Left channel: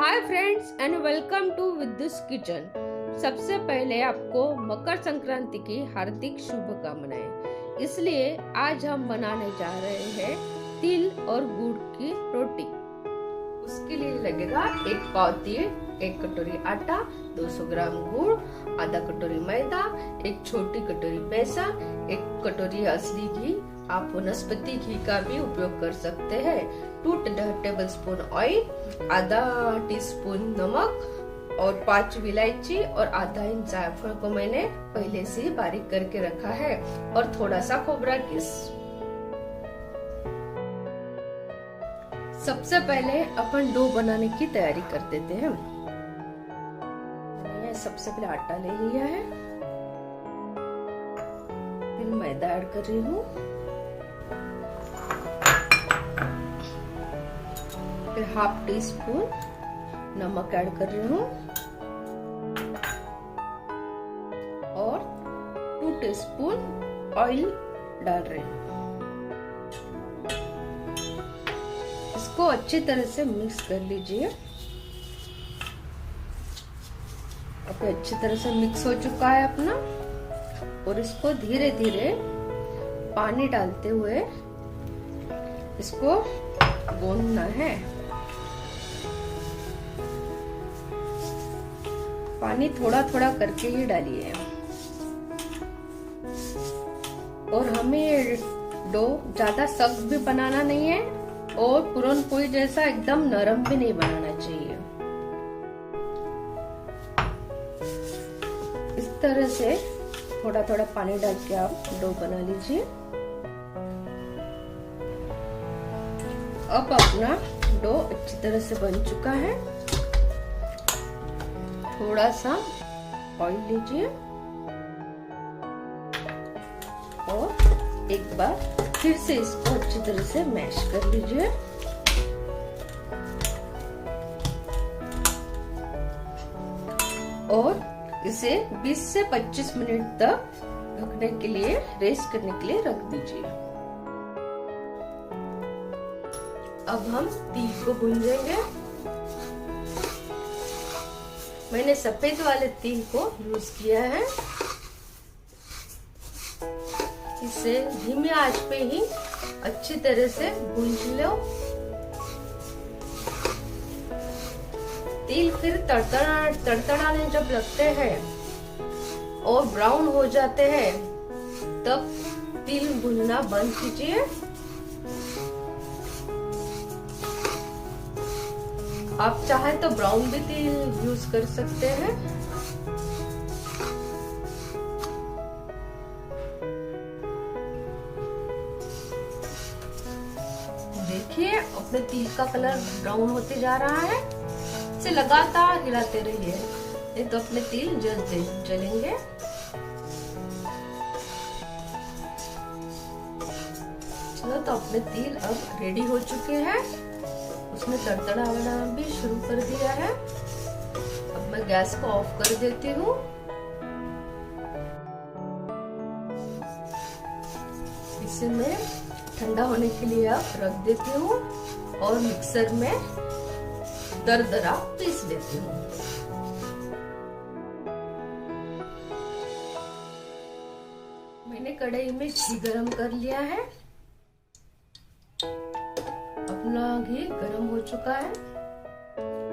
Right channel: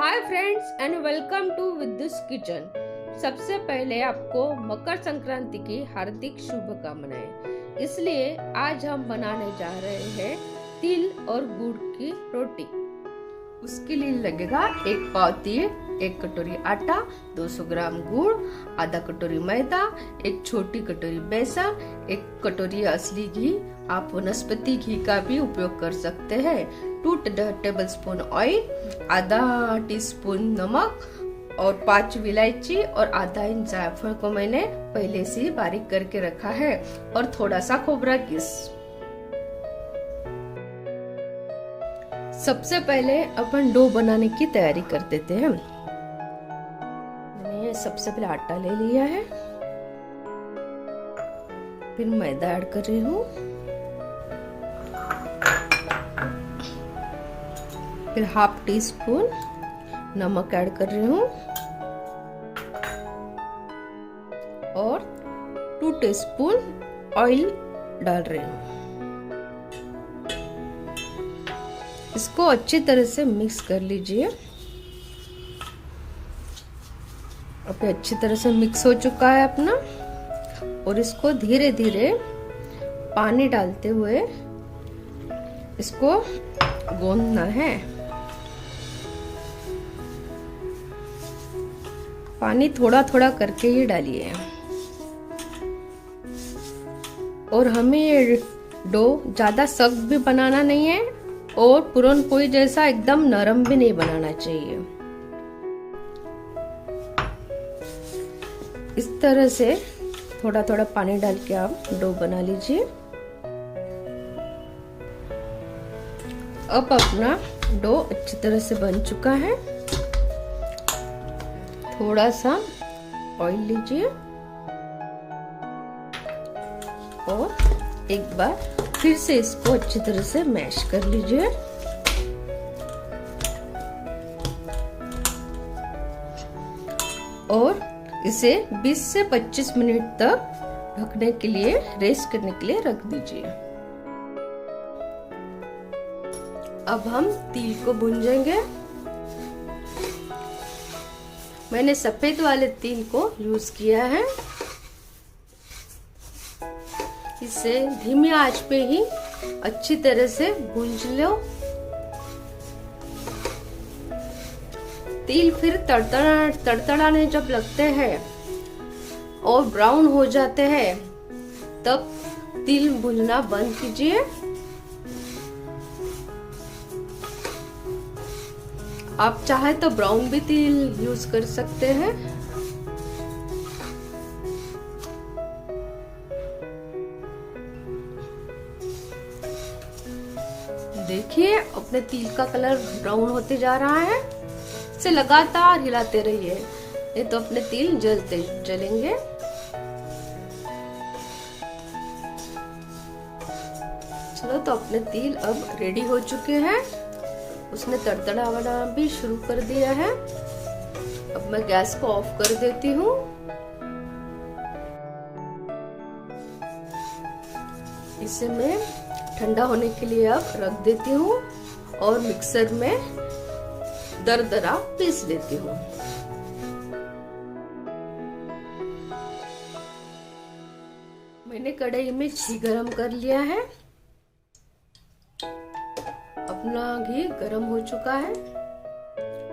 Hi friends and welcome to Vidyu's kitchen. सबसे पहले आपको मकर संक्रांति की हार्दिक शुभकामनाएं। इसलिए आज हम बनाने जा रहे हैं तिल और गुड़ की रोटी। उसके लिए लगेगा एक पाव तिल, एक कटोरी आटा, 200 ग्राम गुड़, आधा कटोरी मैदा, एक छोटी कटोरी बेसन, एक कटोरी असली घी। आप वनस्पति घी का भी उपयोग कर सकते हैं। 2 टेबलस्पून ऑयल, आधा टीस्पून नमक और 5 इलायची और आधा इंच जायफल को मैंने पहले से ही बारीक करके रखा है और थोड़ा सा खोबरा किस। सबसे पहले अपन डो बनाने की तैयारी कर देते हैं। मैंने सबसे पहले आटा ले लिया है, फिर मैदा ऐड कर रही हूँ, फिर हाफ टी स्पून नमक ऐड कर रही हूँ और 2 टीस्पून ऑयल डाल रही हूँ। इसको अच्छी तरह से मिक्स कर लीजिए। अब अच्छी तरह से मिक्स हो चुका है अपना, और इसको धीरे धीरे पानी डालते हुए इसको गूंथना है। पानी थोड़ा थोड़ा करके ही डालिए। और हमें ये डो ज्यादा सख्त भी बनाना नहीं है और पूरन पोली जैसा एकदम नरम भी नहीं बनाना चाहिए। इस तरह से थोड़ा थोड़ा पानी डाल के आप डो बना लीजिए। अब अपना डो अच्छी तरह से बन चुका है। थोड़ा सा ऑयल लीजिए और एक बार फिर से इसको अच्छी तरह से मैश कर लीजिए। और इसे 20 से 25 मिनट तक ढकने के लिए, रेस्ट करने के लिए रख दीजिए। अब हम तिल को भूंजेंगे। मैंने सफेद वाले तिल को यूज किया है। इसे धीमी आंच पे ही अच्छी तरह से भूंज लो। तिल फिर तड़तड़ाने जब लगते हैं और ब्राउन हो जाते हैं, तब तिल भूनना बंद कीजिए। आप चाहे तो ब्राउन भी तिल यूज कर सकते हैं। देखिए अपने तिल का कलर ब्राउन होते जा रहा है। इसे लगातार हिलाते रहिए, नहीं तो अपने तिल जलेंगे। चलो, तो अपने तिल अब रेडी हो चुके हैं। उसने तड़तड़ाना भी शुरू कर दिया है। अब मैं गैस को ऑफ कर देती हूँ। इसे मैं ठंडा होने के लिए अब रख देती हूँ और मिक्सर में दरदरा पीस लेती हूँ। मैंने कढ़ाई में घी गरम कर लिया है। अपना घी गरम हो चुका है।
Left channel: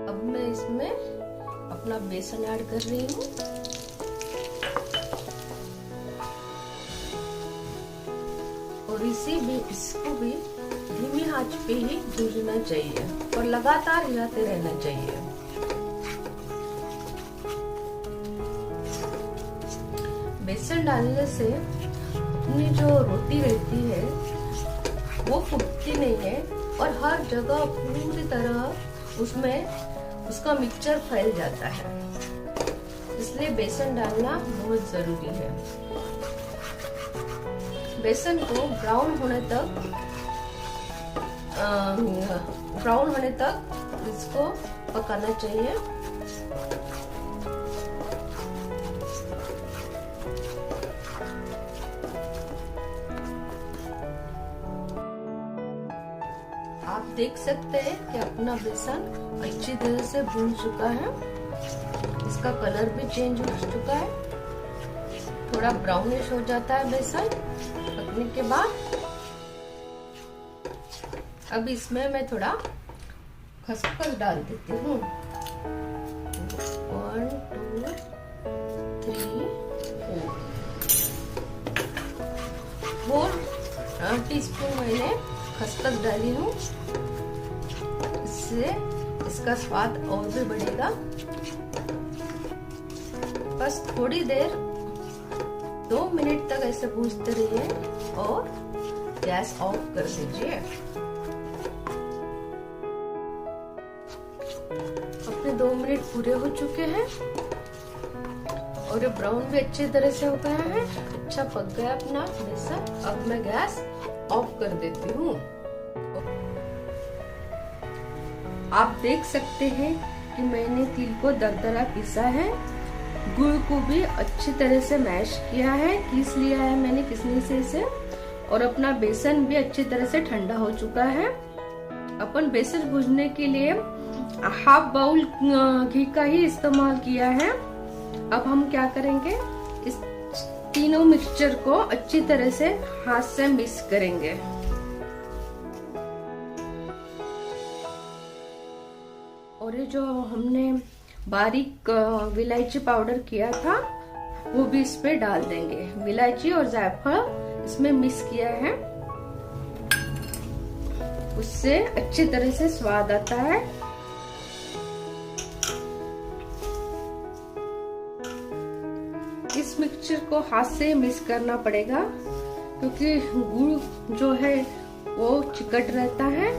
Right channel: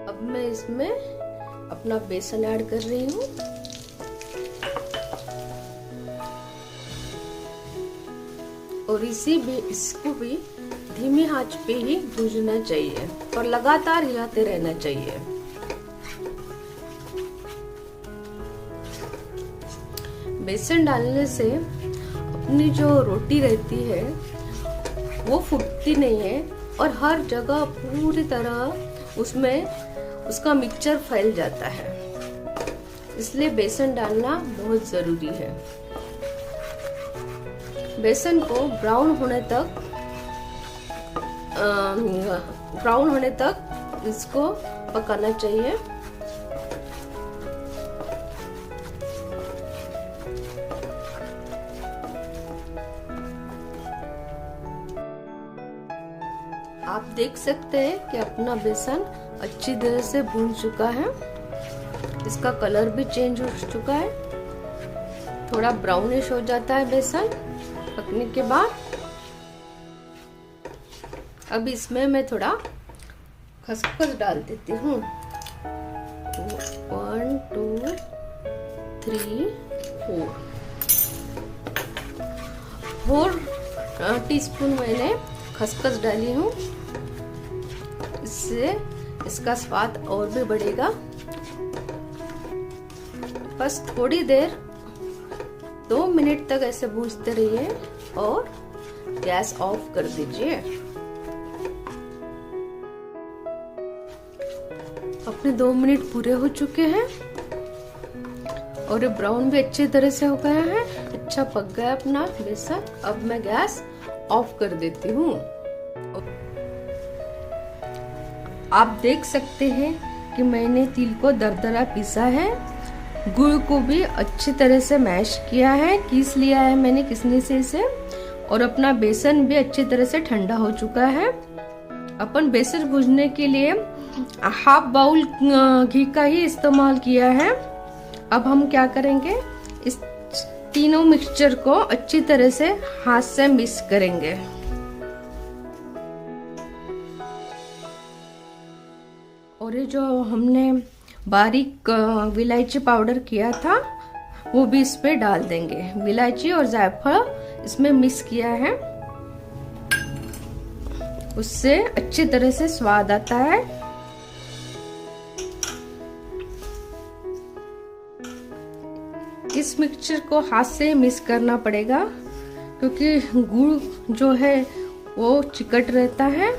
अब मैं इसमें अपना बेसन ऐड कर रही हूँ और इसको भी धीमी आंच पे ही भूनना चाहिए और लगातार हिलाते रहना चाहिए। बेसन डालने से अपनी जो रोटी रहती है वो फूटती नहीं है और हर जगह पूरी तरह उसमें उसका मिक्सचर फैल जाता है। इसलिए बेसन डालना बहुत जरूरी है। बेसन को ब्राउन होने तक इसको पकाना चाहिए। आप देख सकते हैं कि अपना बेसन अच्छी तरह से भून चुका है। इसका कलर भी चेंज हो चुका है, थोड़ा ब्राउनिश हो जाता है बेसन पकने के बाद। अब इसमें मैं थोड़ा खसखस डाल देती हूँ। 1 2 3 4 टीस्पून मैंने खसखस डाली हूँ। इससे इसका स्वाद और भी बढ़ेगा। बस थोड़ी देर 2 मिनट तक ऐसे भूनते रहिए और गैस ऑफ कर दीजिए। अपने 2 मिनट पूरे हो चुके हैं और ये ब्राउन भी अच्छी तरह से हो गया है, अच्छा पक गया अपना बेसन। अब मैं गैस ऑफ कर देती हूँ। आप देख सकते हैं कि मैंने तिल को दरदरा पीसा है, गुड़ को भी अच्छी तरह से मैश किया है, कीस लिया है मैंने किसनी से इसे, और अपना बेसन भी अच्छी तरह से ठंडा हो चुका है। अपन बेसन भूनने के लिए हाफ बाउल घी का ही इस्तेमाल किया है। अब हम क्या करेंगे, इस तीनों मिक्सचर को अच्छी तरह से हाथ से मिक्स करेंगे। और ये जो हमने बारीक इलायची पाउडर किया था वो भी इस पे डाल देंगे। इलायची और जायफल इसमें मिक्स किया है, उससे अच्छी तरह से स्वाद आता है। इस मिक्सचर को हाथ से मिक्स करना पड़ेगा क्योंकि गुड़ जो है वो चिकट रहता है,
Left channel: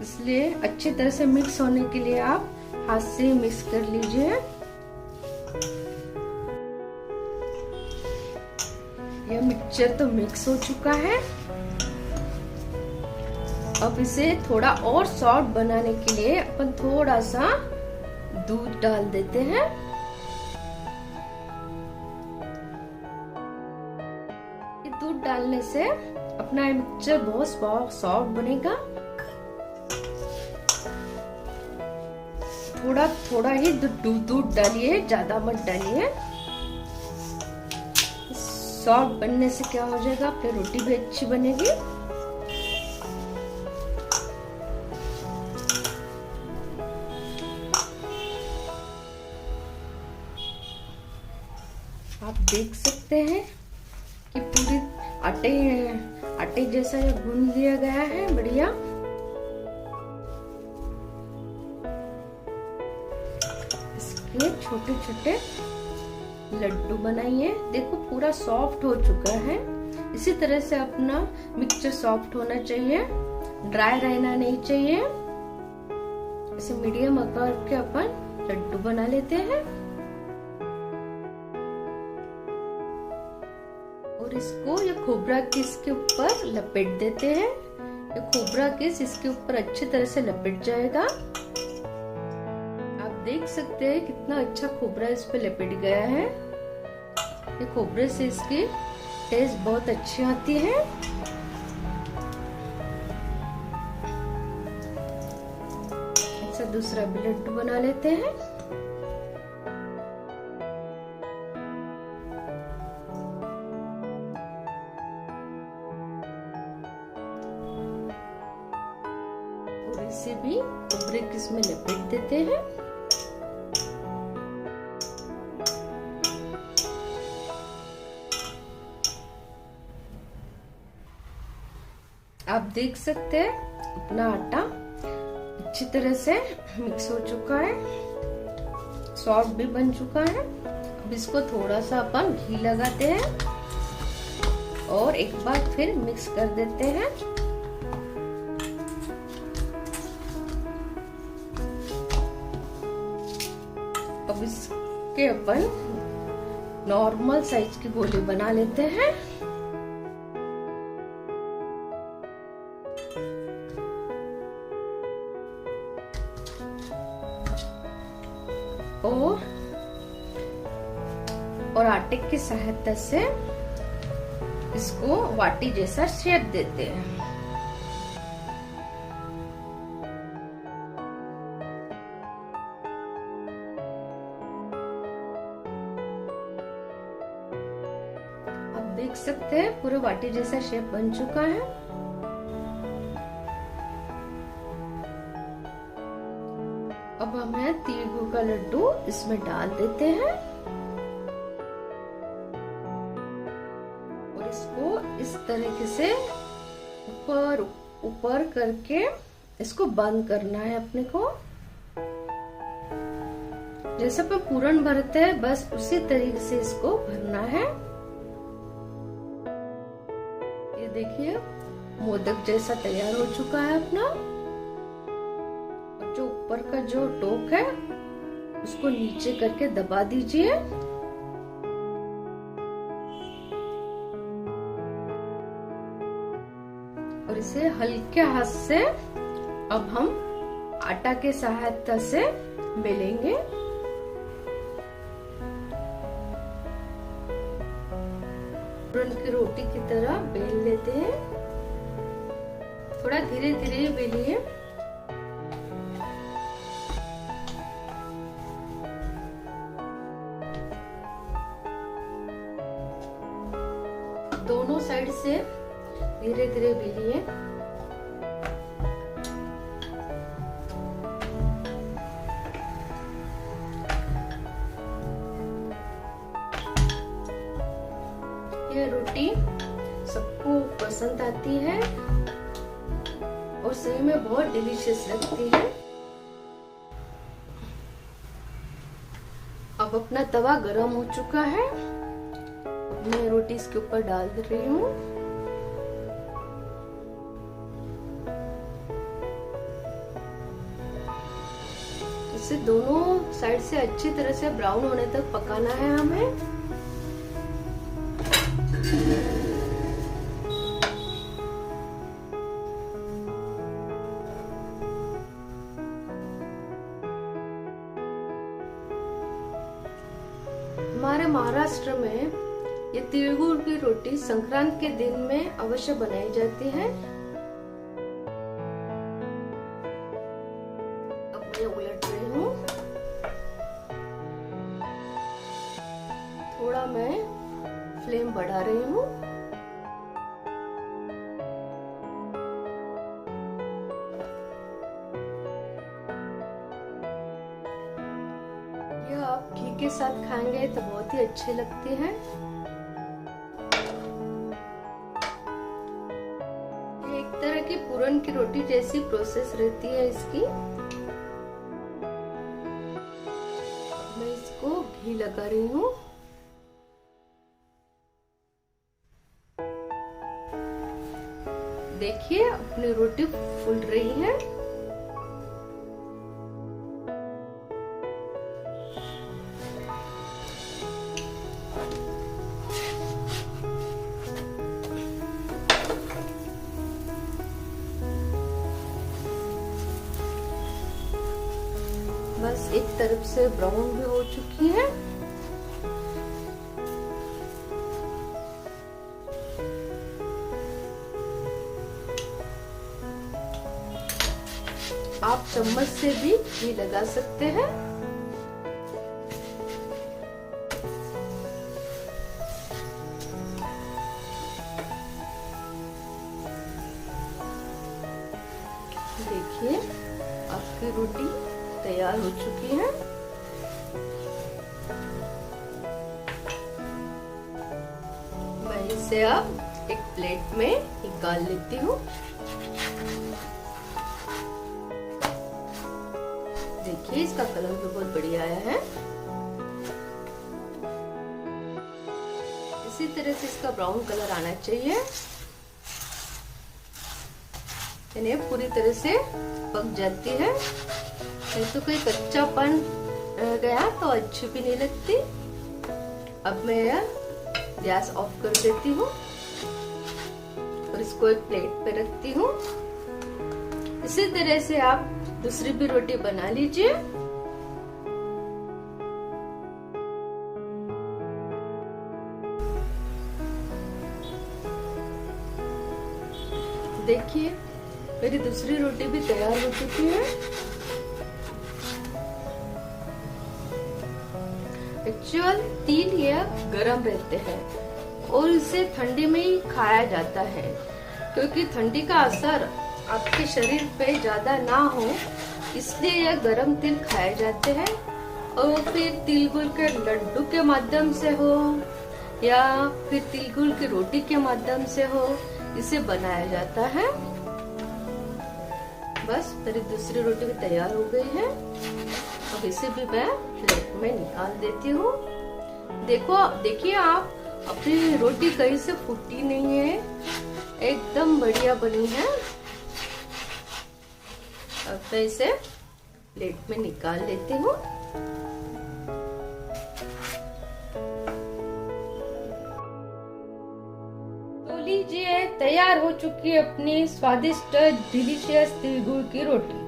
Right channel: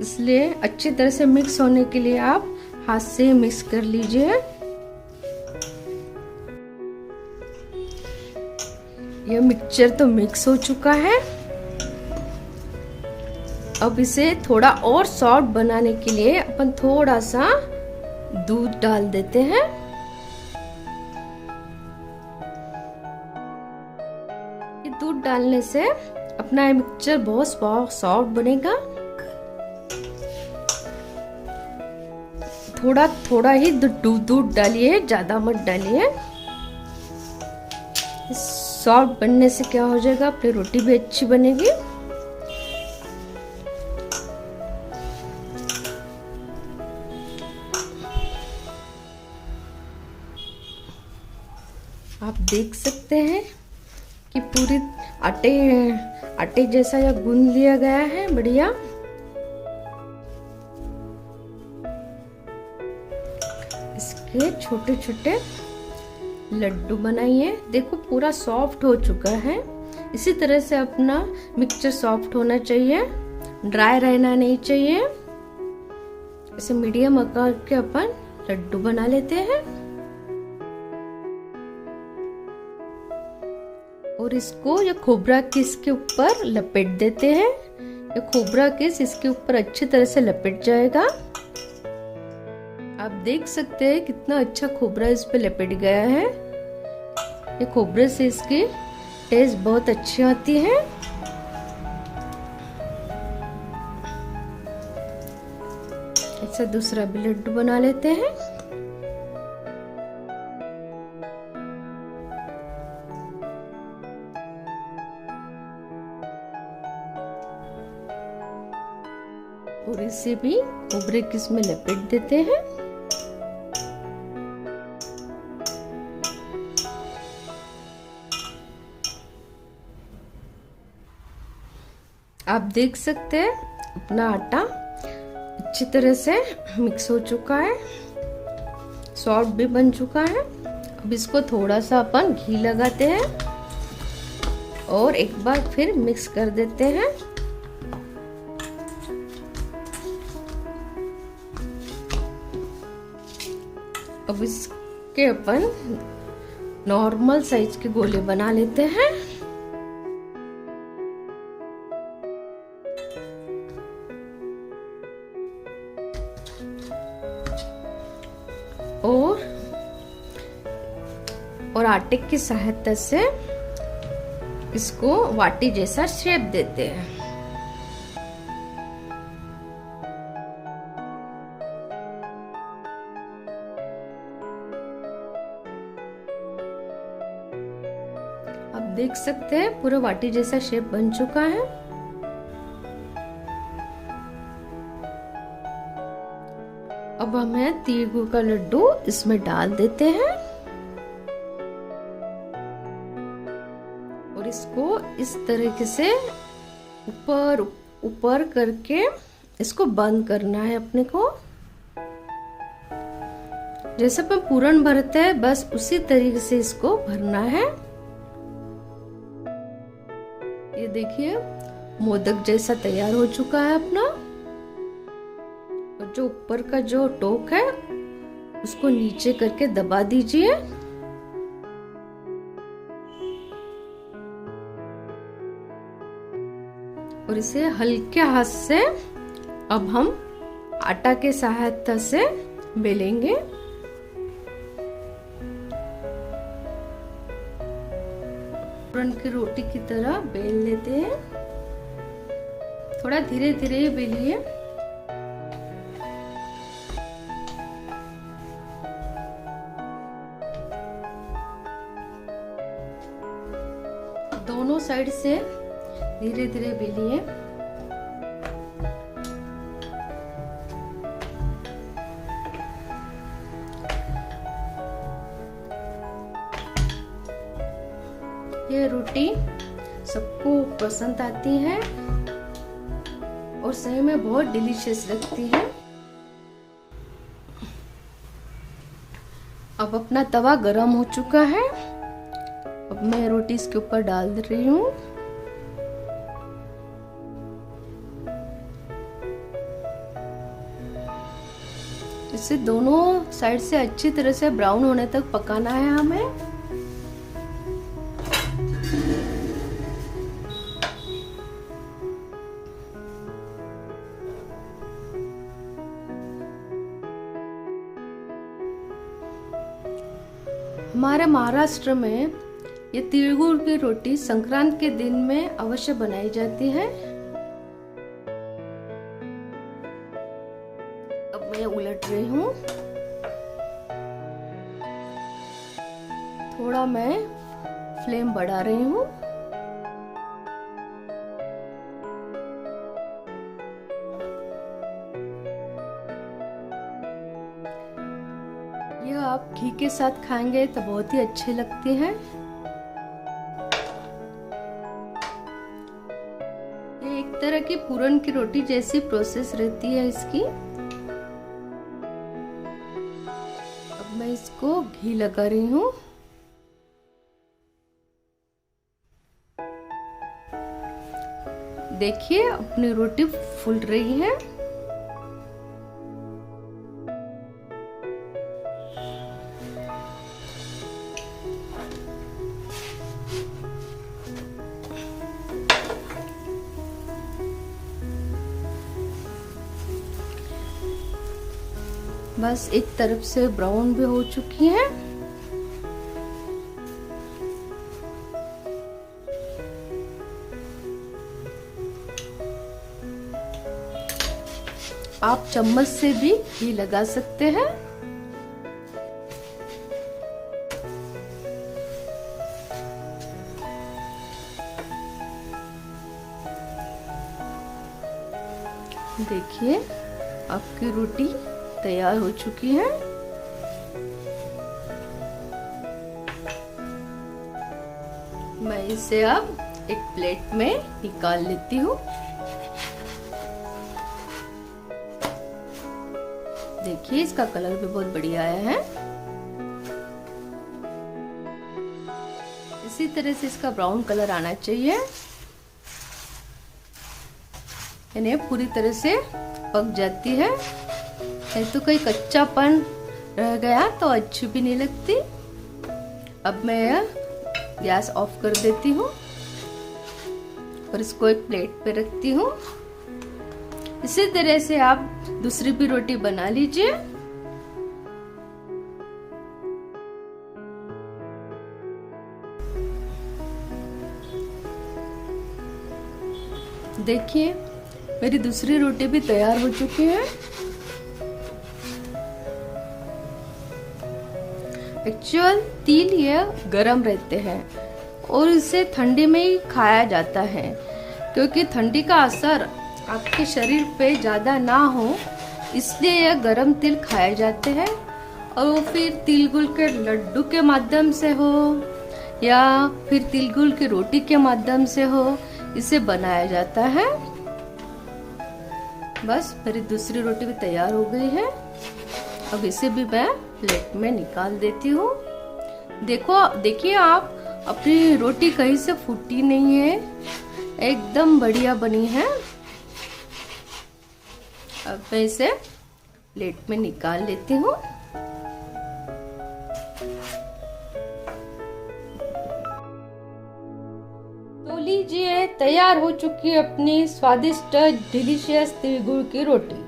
इसलिए अच्छी तरह से मिक्स होने के लिए आप हाथ से मिक्स कर लीजिए। यह मिक्सचर तो मिक्स हो चुका है। अब इसे थोड़ा और सॉफ्ट बनाने के लिए अपन थोड़ा सा दूध डाल देते हैं। ये दूध डालने से अपना ये मिक्सचर बहुत सॉफ्ट बनेगा। थोड़ा थोड़ा ही दूध डालिए, ज्यादा मत डालिए। सॉफ्ट बनने से क्या हो जाएगा, अपनी रोटी भी अच्छी बनेगी। आप देख सकते हैं कि पूरी आटे जैसा यह गूंद लिया गया है, बढ़िया। इसके छोटे छोटे लड्डू बनाइए। देखो पूरा सॉफ्ट हो चुका है। इसी तरह से अपना मिक्सचर सॉफ्ट होना चाहिए, ड्राई रहना नहीं चाहिए। इसे मीडियम आकार के अपन लड्डू बना लेते हैं और इसको ये खोबरा किस के ऊपर लपेट देते हैं। ये खोबरा किस इसके ऊपर अच्छी तरह से लपेट जाएगा। आप देख सकते हैं कितना अच्छा खोबरा इस पे लपेट गया है। ये खोबरे से इसकी टेस्ट बहुत अच्छी आती है। ऐसा दूसरा भी लड्डू बना लेते हैं। और इसे भी खोबरे किस में लपेट देते हैं। आप देख सकते हैं अपना आटा अच्छी तरह से मिक्स हो चुका है, सॉफ्ट भी बन चुका है। अब इसको थोड़ा सा अपन घी लगाते हैं और एक बार फिर मिक्स कर देते हैं। अब इसके अपन नॉर्मल साइज के गोले बना लेते हैं। और आटे की सहायता से इसको वाटी जैसा शेप देते हैं। देख सकते हैं पूरा बाटी जैसा शेप बन चुका है। अब हमें तिल गुड़ का लड्डू इसमें डाल देते हैं और इसको इस तरीके से ऊपर ऊपर करके इसको बंद करना है अपने को। जैसे अपन पूरण भरते हैं बस उसी तरीके से इसको भरना है। ये देखिए मोदक जैसा तैयार हो चुका है अपना। और जो ऊपर का जो टोक है उसको नीचे करके दबा दीजिए। और इसे हल्के हाथ से अब हम आटा के सहायता से बेलेंगे। पूरन की रोटी की तरह बेल लेते हैं। थोड़ा धीरे धीरे बेलिए। दोनों साइड से धीरे धीरे बेलिए। ये रोटी सबको पसंद आती है और सही में बहुत डिलीशियस लगती है। अब अपना तवा गरम हो चुका है। अब मैं रोटी इसके ऊपर डाल रही हूँ। इसे दोनों साइड से अच्छी तरह से ब्राउन होने तक पकाना है हमें। हमारे महाराष्ट्र में ये तिल गुड़ की रोटी संक्रांत के दिन में अवश्य बनाई जाती है। अब मैं उलट रही हूँ। थोड़ा मैं फ्लेम बढ़ा रही हूँ। ये आप घी के साथ खाएंगे तो बहुत ही अच्छी लगती है। ये एक तरह की पूरन की रोटी जैसी प्रोसेस रहती है इसकी। अब मैं इसको घी लगा रही हूँ। देखिए अपनी रोटी फूल रही है। बस एक तरफ से ब्राउन भी हो चुकी है। आप चम्मच से भी घी लगा सकते हैं। देखिए आपकी रोटी तैयार हो चुकी है। मैं इसे अब एक प्लेट में निकाल लेती हूँ। देखिए इसका कलर भी बहुत बढ़िया आया है। इसी तरह से इसका ब्राउन कलर आना चाहिए, यानी पूरी तरह से पक जाती है। नहीं तो कोई कच्चापन रह गया तो अच्छी भी नहीं लगती। अब मैं गैस ऑफ कर देती हूँ और इसको एक प्लेट पे रखती हूँ। इसी तरह से आप दूसरी भी रोटी बना लीजिए। देखिए मेरी दूसरी रोटी भी तैयार हो चुकी है। एक्चुअल तिल ये गरम रहते हैं और इसे ठंडी में ही खाया जाता है, क्योंकि ठंडी का असर आपके शरीर पे ज़्यादा ना हो, इसलिए यह गरम तिल खाए जाते हैं। और फिर तिल गुड़ के लड्डू के माध्यम से हो या फिर तिल गुड़ की रोटी के माध्यम से हो, इसे बनाया जाता है। बस मेरी दूसरी रोटी भी तैयार हो गई है। अब इसे भी मैं प्लेट में निकाल देती हूँ। देखिए आप, अपनी रोटी कहीं से फूटी नहीं है, एकदम बढ़िया बनी है। अब मैं इसे प्लेट में निकाल लेती हूँ। तो लीजिए, तैयार हो चुकी है अपनी स्वादिष्ट डिलीशियस तिल गुड़ की रोटी।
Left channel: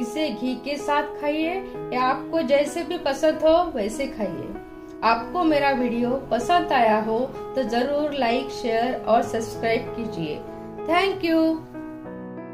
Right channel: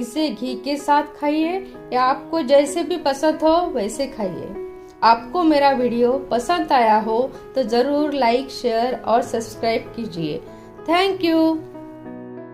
इसे घी के साथ खाइए या आपको जैसे भी पसंद हो वैसे खाइए। आपको मेरा वीडियो पसंद आया हो तो जरूर लाइक, शेयर और सब्सक्राइब कीजिए। Thank you.